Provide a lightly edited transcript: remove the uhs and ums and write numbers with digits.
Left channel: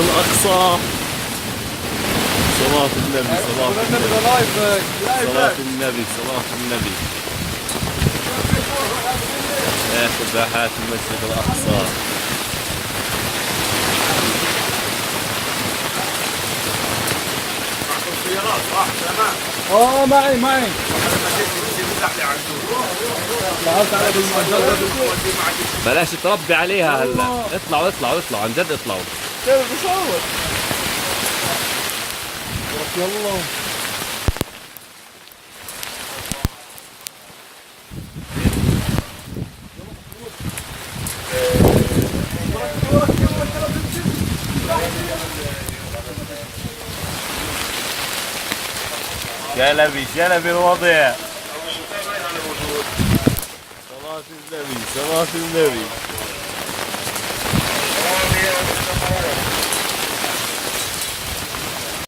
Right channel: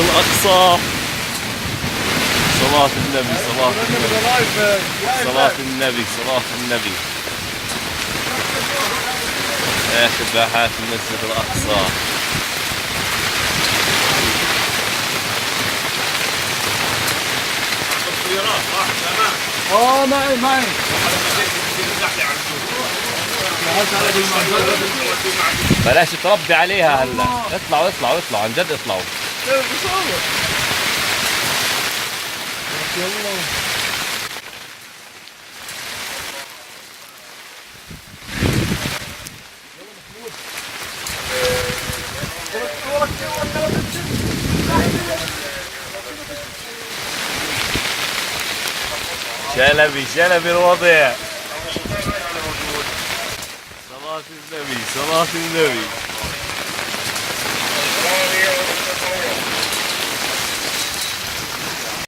الأقصى. صلاة النبي صلاة النبي صلاة النبي صلاة النبي. آخر باحات المسجد الأقصى. معي بلاش تربي عليها هلا. اطلعوا عن جد اطلعوا. كيف بصور؟ يلا شلبي الوضع. صلاة النبي صلاة النبي.